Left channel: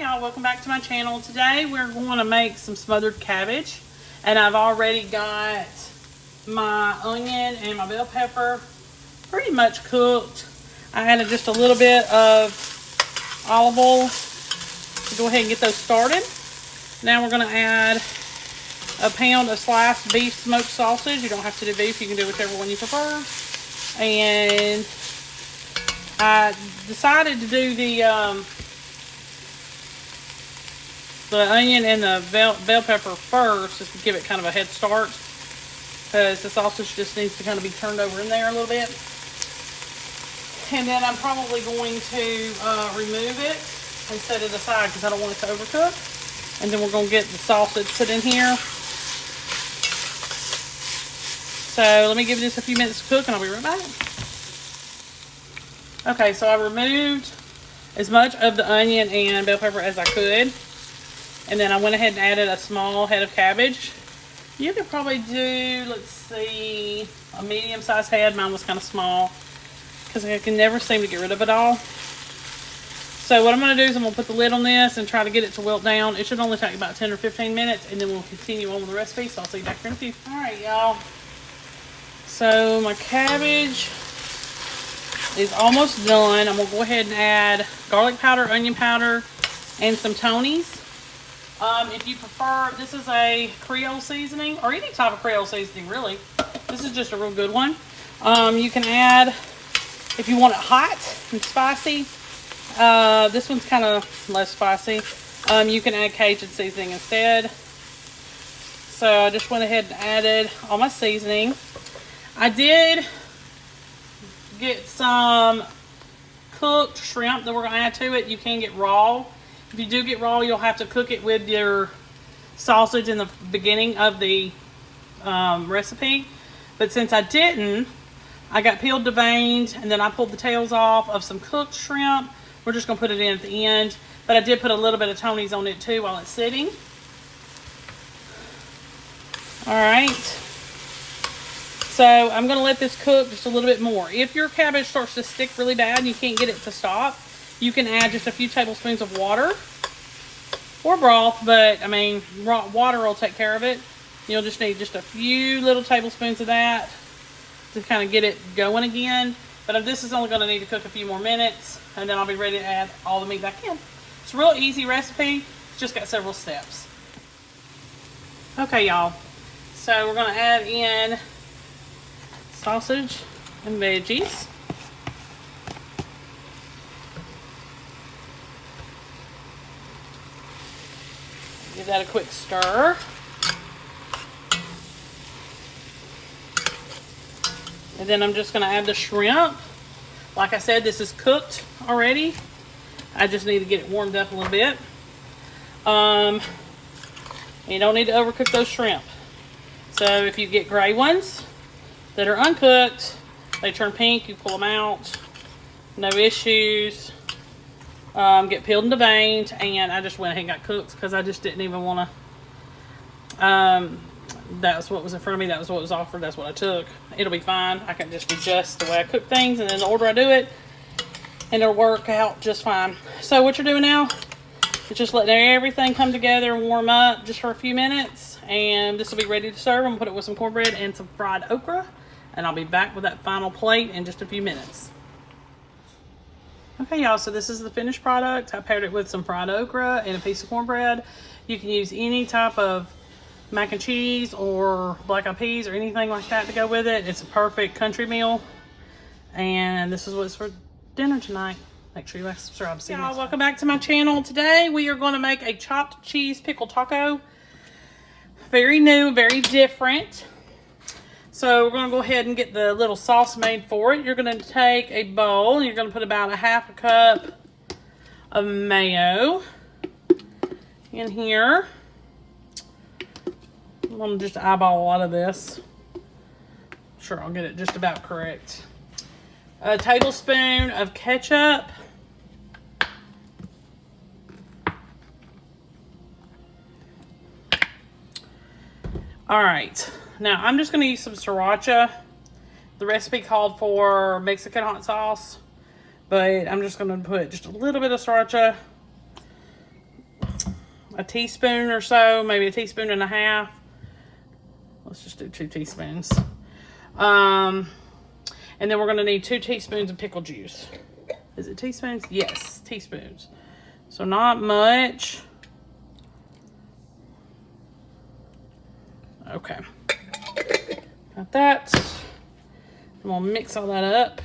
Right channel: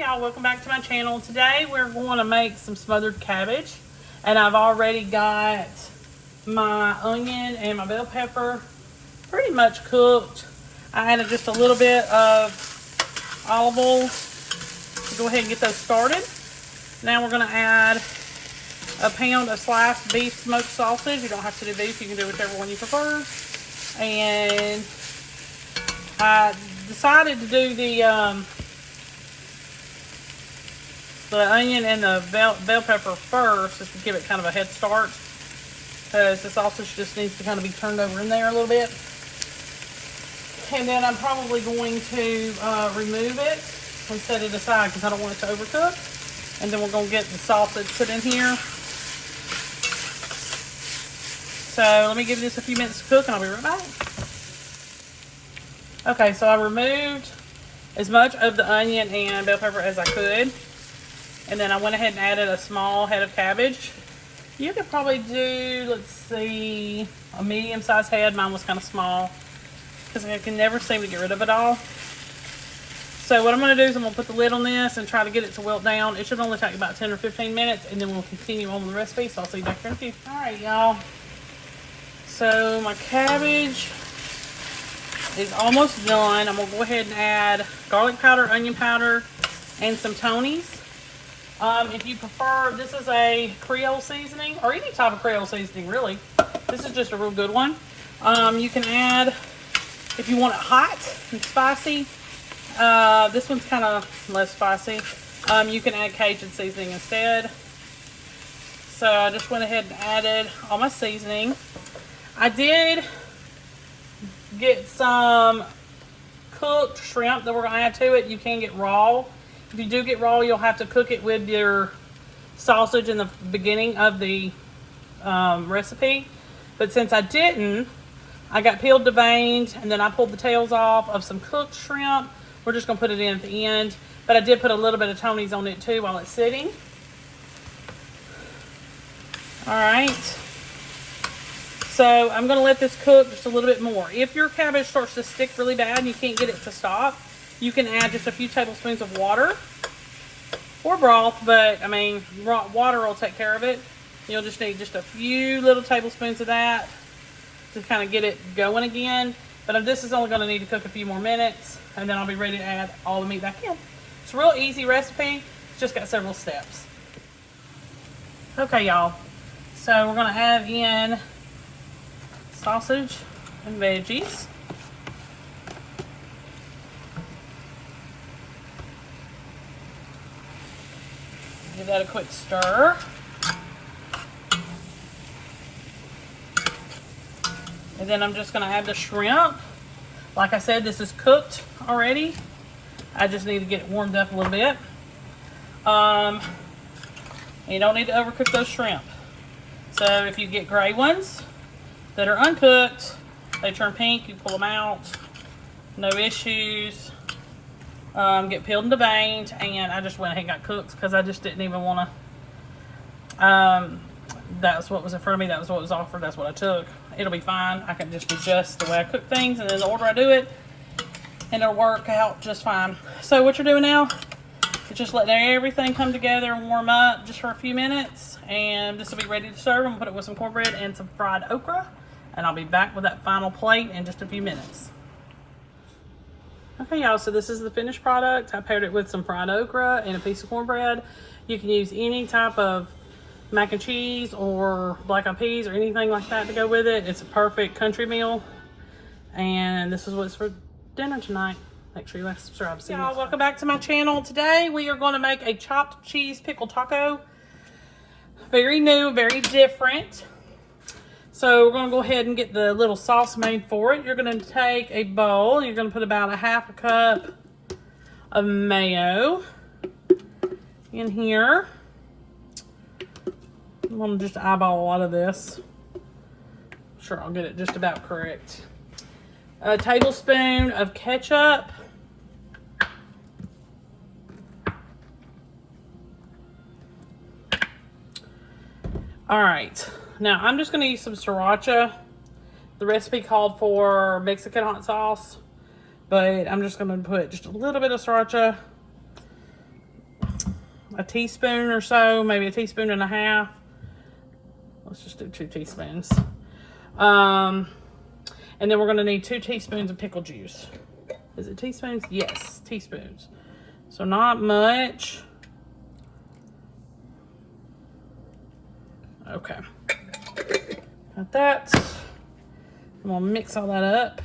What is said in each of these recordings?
Y'all, welcome back to my channel. Today we're going to make some smothered cabbage, and I've already got my onion and my bell pepper pretty much cooked. I added just a little bit of olive oil to go ahead and get those started. Now we're going to add a pound of sliced beef smoked sausage. You don't have to do beef, you can do whichever one you prefer. And I decided to do the onion and the bell pepper first, just to give it kind of a head start, because the sausage just needs to kind of be turned over in there a little bit. And then I'm probably going to remove it and set it aside because I don't want it to overcook. And then we're going to get the sausage put in here. So let me give this a few minutes to cook and I'll be right back. Okay, so I removed as much of the onion and bell pepper as I could. And then I went ahead and added a small head of cabbage. You could probably do, let's see, a medium-sized head. Mine was kind of small because I can never seem to get rid of it all. So what I'm going to do is I'm going to put the lid on this and try to get it to wilt down. It should only take about 10 or 15 minutes, and then we'll continue on with the recipe. So I'll see you back here in a few. All right, y'all. So my cabbage is almost done. I'm going to go ahead and add garlic powder, onion powder, and some Tony's. If you prefer, this is a Creole seasoning, or any type of Creole seasoning, really. This is just a real good one. You can add, if you want it hot and spicy, this one's kind of less spicy. You can add Cajun seasoning instead. So I just went ahead and added all my seasoning. I did get some cooked shrimp that we're going to add to it. You can get raw. If you do get raw, you'll have to cook it with your sausage in the beginning of the recipe. But since I didn't, I got peeled, deveined, and then I pulled the tails off of some cooked shrimp. We're just going to put it in at the end. But I did put a little bit of Tony's on it too while it's sitting. Alright. So I'm going to let this cook just a little bit more. If your cabbage starts to stick really bad and you can't get it to stop, you can add just a few tablespoons of water or broth, but I mean, water will take care of it. You'll just need just a few little tablespoons of that to kind of get it going again. But this is only going to need to cook a few more minutes, and then I'll be ready to add all the meat back in. It's a real easy recipe. It's just got several steps. Okay, y'all. So we're going to add in sausage and veggies. Give that a quick stir. And then I'm just going to add the shrimp. Like I said, this is cooked already. I just need to get it warmed up a little bit. You don't need to overcook those shrimp. So if you get gray ones that are uncooked, they turn pink, you pull them out. No issues. Get peeled and deveined, and I just went ahead and got cooked because I just didn't even want to. That was what was in front of me. That was what was offered. That's what I took. It'll be fine. I can just adjust the way I cook things and then the order I do it, and it'll work out just fine. So what you're doing now is just letting everything come together and warm up just for a few minutes, and this will be ready to serve. I'm gonna put it with some cornbread and some fried okra, and I'll be back with that final plate in just a few minutes. Okay, y'all, so this is the finished product. I paired it with some fried okra and a piece of cornbread. You can use any type of mac and cheese or black eyed peas or anything like that to go with it. It's a perfect country meal. And this is what's for dinner tonight. Make sure you like, subscribe. See you y'all, welcome back to my channel. Today we are going to make a chopped cheese pickle taco. Very new, very different. So we're going to go ahead and get the little sauce made for it. You're going to take a bowl. You're going to put about a half a cup of mayo in here. I'm going to just eyeball a lot of this. Sure, I'll get it just about correct. A tablespoon of ketchup. All right. Now, I'm just going to use some sriracha. The recipe called for Mexican hot sauce, but I'm just going to put just a little bit of sriracha a teaspoon or so, maybe a teaspoon and a half. Let's just do 2 teaspoons. And then we're gonna need 2 teaspoons of pickle juice. Is it teaspoons? Yes, teaspoons. So not much. Okay. Got that. I'm gonna mix all that up.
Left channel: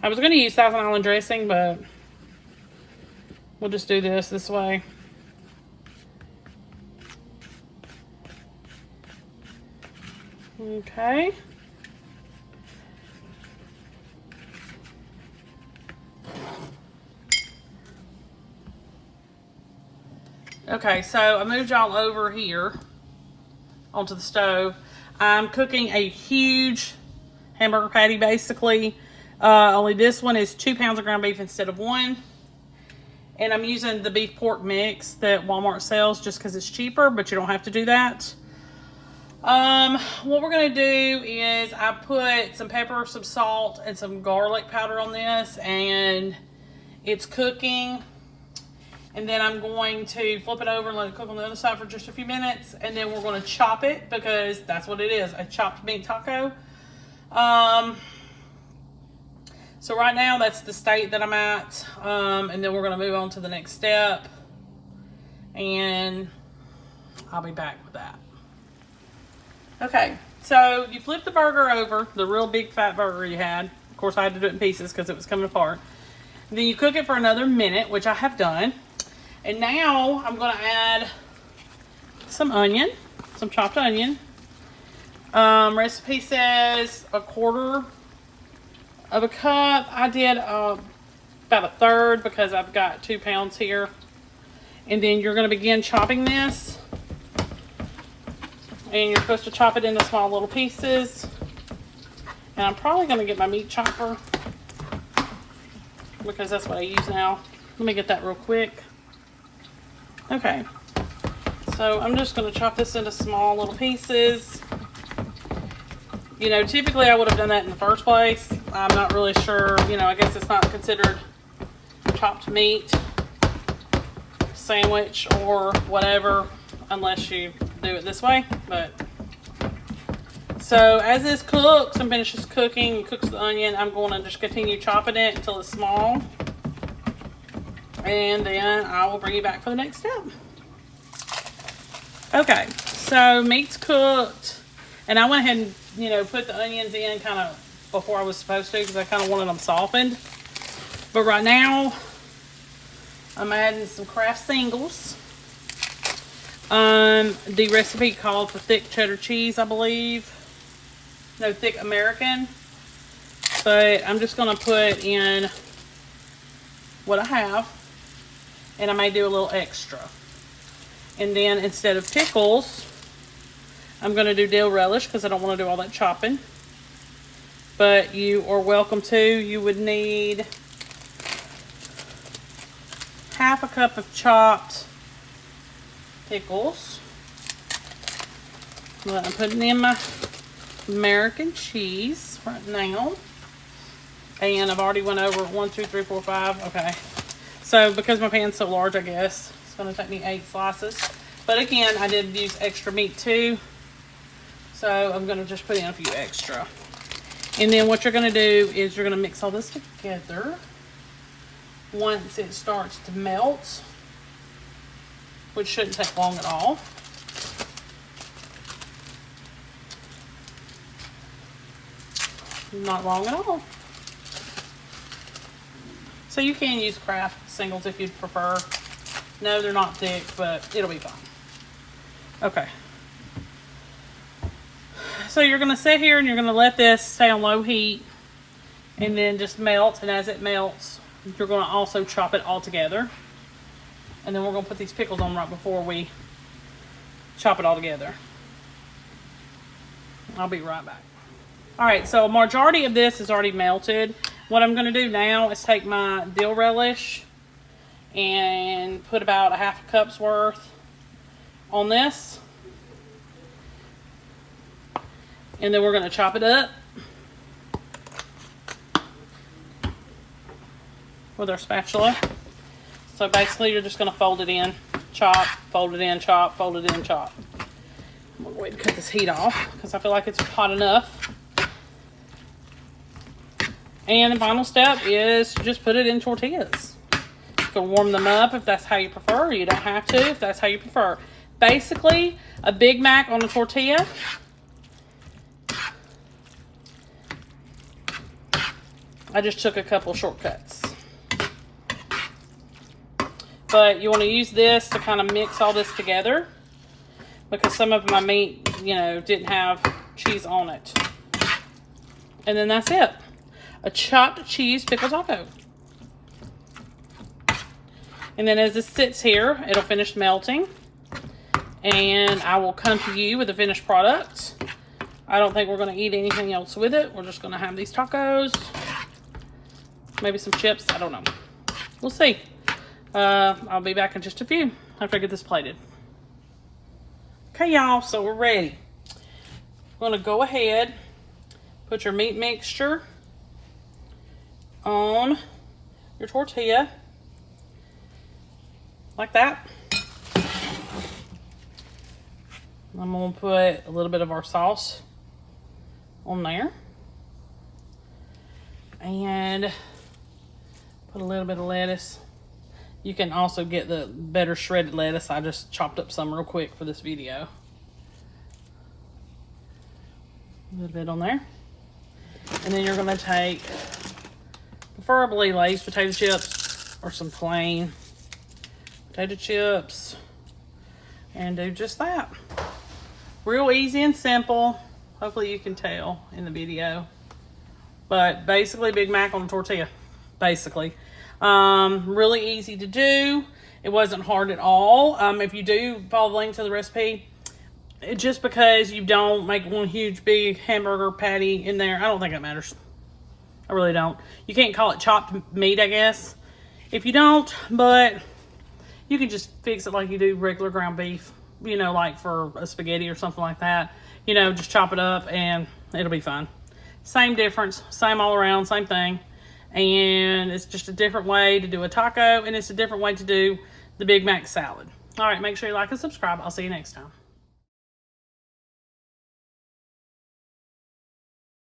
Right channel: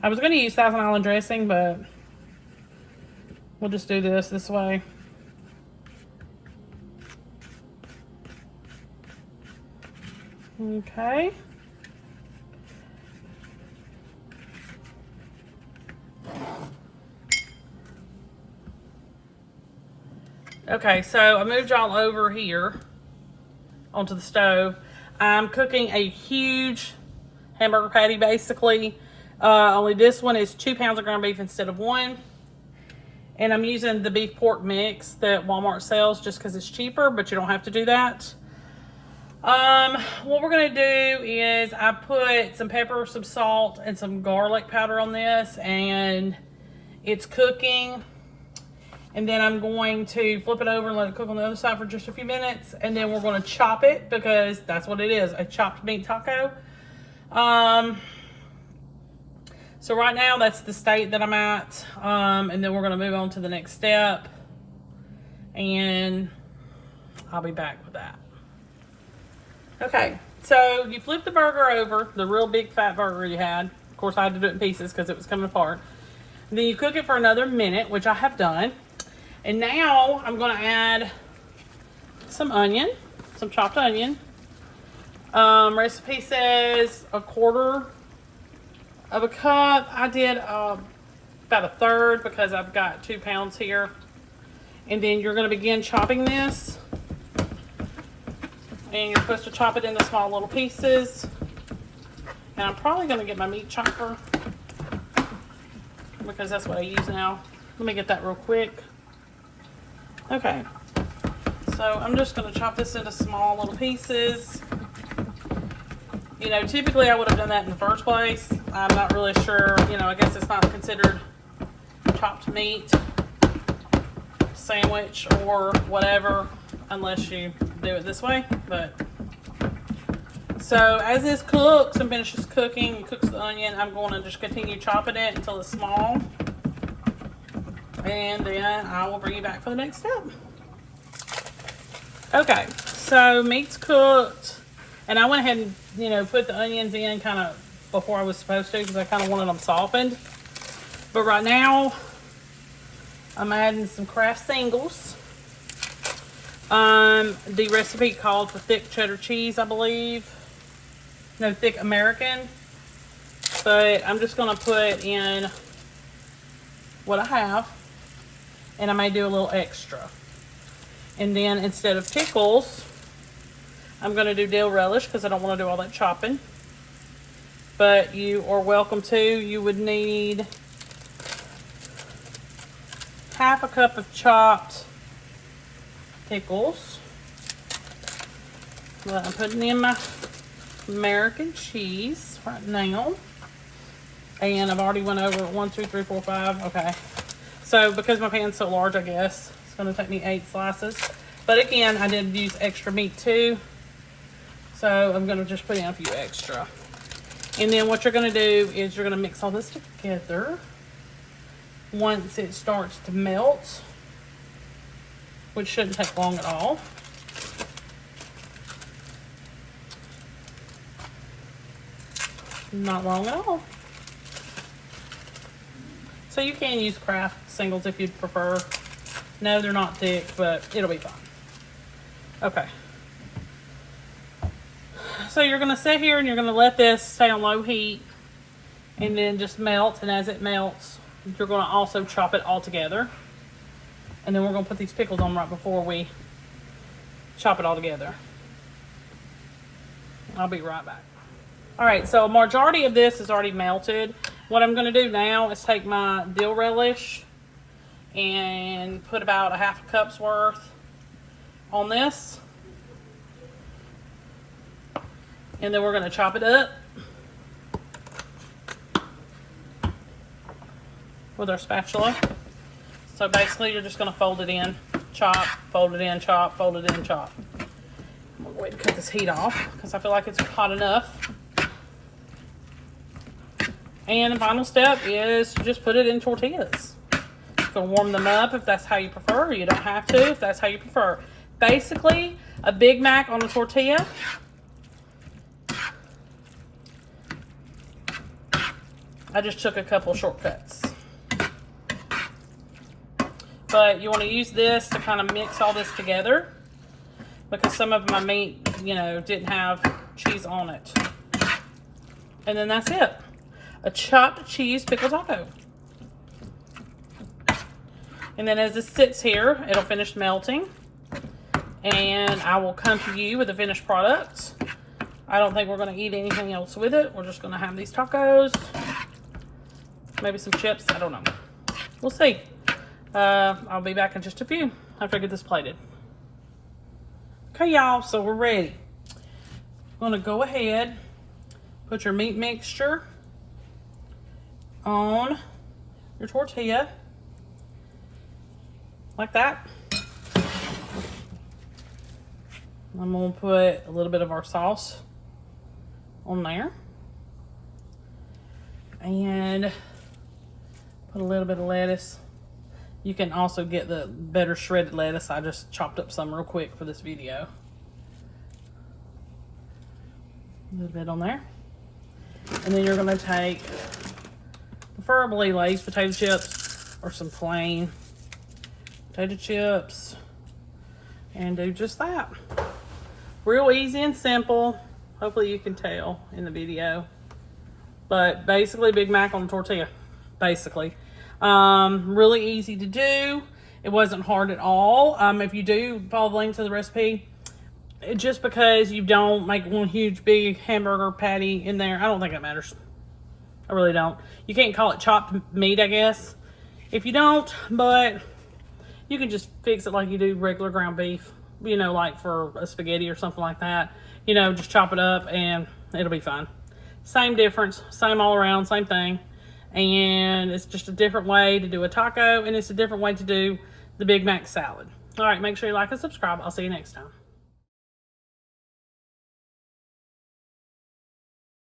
I was gonna use Thousand Island dressing, but we'll just do this way. Okay. Okay, so I moved y'all over here onto the stove. I'm cooking a huge hamburger patty, basically. Only this one is 2 pounds of ground beef instead of 1. And I'm using the beef pork mix that Walmart sells just because it's cheaper, but you don't have to do that. What we're going to do is I put some pepper, some salt, and some garlic powder on this, and it's cooking. And then I'm going to flip it over and let it cook on the other side for just a few minutes, and then we're going to chop it because that's what it is, a chopped meat taco. So right now that's the state that I'm at, and then we're going to move on to the next step, and I'll be back with that. Okay, so you flip the burger over, the real big fat burger you had. Of course, I had to do it in pieces because it was coming apart. Then you cook it for another minute, which I have done. And now I'm going to add some onion, some chopped onion. Recipe says 1/4 of a cup. I did about 1/3 because I've got 2 pounds here. And then you're going to begin chopping this. And you're supposed to chop it into small little pieces. And I'm probably going to get my meat chopper because that's what I use now. Let me get that real quick. Okay, so I'm just going to chop this into small little pieces. You know, typically I would have done that in the first place. I'm not really sure, you know, I guess it's not considered chopped meat sandwich or whatever unless you do it this way. But so as this cooks and finishes cooking, cooks the onion, I'm going to just continue chopping it until it's small. And then I will bring you back for the next step. Okay, so meat's cooked. And I went ahead and, you know, put the onions in kind of before I was supposed to because I kind of wanted them softened. But right now, I'm adding some Kraft singles. The recipe called for thick cheddar cheese, I believe. No, thick American. But I'm just going to put in what I have. And I may do a little extra. And then instead of pickles, I'm going to do dill relish because I don't want to do all that chopping. But you are welcome to. You would need 1/2 cup of chopped pickles. Well, I'm putting in my American cheese right now. And I've already went over 1, 2, 3, 4, 5. Okay. So because my pan's so large, I guess it's going to take me 8 slices. But again, I did use extra meat too. So I'm going to just put in a few extra. And then what you're going to do is you're going to mix all this together. Once it starts to melt, which shouldn't take long at all. Not long at all. So you can use Kraft singles if you'd prefer. No, they're not thick, but it'll be fine. Okay. So you're going to sit here and you're going to let this stay on low heat and then just melt. And as it melts, you're going to also chop it all together. And then we're going to put these pickles on right before we chop it all together. I'll be right back. Alright, so a majority of this is already melted. What I'm going to do now is take my dill relish and put about 1/2 cup's worth on this. And then we're going to chop it up. with our spatula. So basically you're just going to fold it in, chop, fold it in, chop, fold it in, chop. I'm going to go ahead and cut this heat off because I feel like it's hot enough. And the final step is to just put it in tortillas. You can warm them up if that's how you prefer. You don't have to if that's how you prefer. Basically, a Big Mac on a tortilla. I just took a couple shortcuts. But you want to use this to kind of mix all this together because some of my meat, you know, didn't have cheese on it. And then that's it. A chopped cheese pickle taco. And then as this sits here, it'll finish melting. And I will come to you with the finished product. I don't think we're going to eat anything else with it. We're just going to have these tacos. Maybe some chips. I don't know. We'll see. I'll be back in just a few after I get this plated. Okay, y'all. So we're ready. I'm going to go ahead. Put your meat mixture on your tortilla. Like that. I'm going to put a little bit of our sauce on there. And put a little bit of lettuce. You can also get the better shredded lettuce. I just chopped up some real quick for this video. A little bit on there. And then you're going to take, preferably Lay's potato chips or some plain potato chips, and do just that. Real easy and simple. Hopefully you can tell in the video. But basically Big Mac on tortilla. Basically. Really easy to do. It wasn't hard at all. If you do follow the link to the recipe, just because you don't make one huge big hamburger patty in there, I don't think it matters. I really don't. You can't call it chopped meat, I guess, if you don't, but you can just fix it like you do regular ground beef, you know, like for a spaghetti or something like that. You know, just chop it up and it'll be fine. Same difference, same all around, same thing. And it's just a different way to do a taco, and it's a different way to do the Big Mac salad. All right, make sure you like and subscribe. I'll see you next time.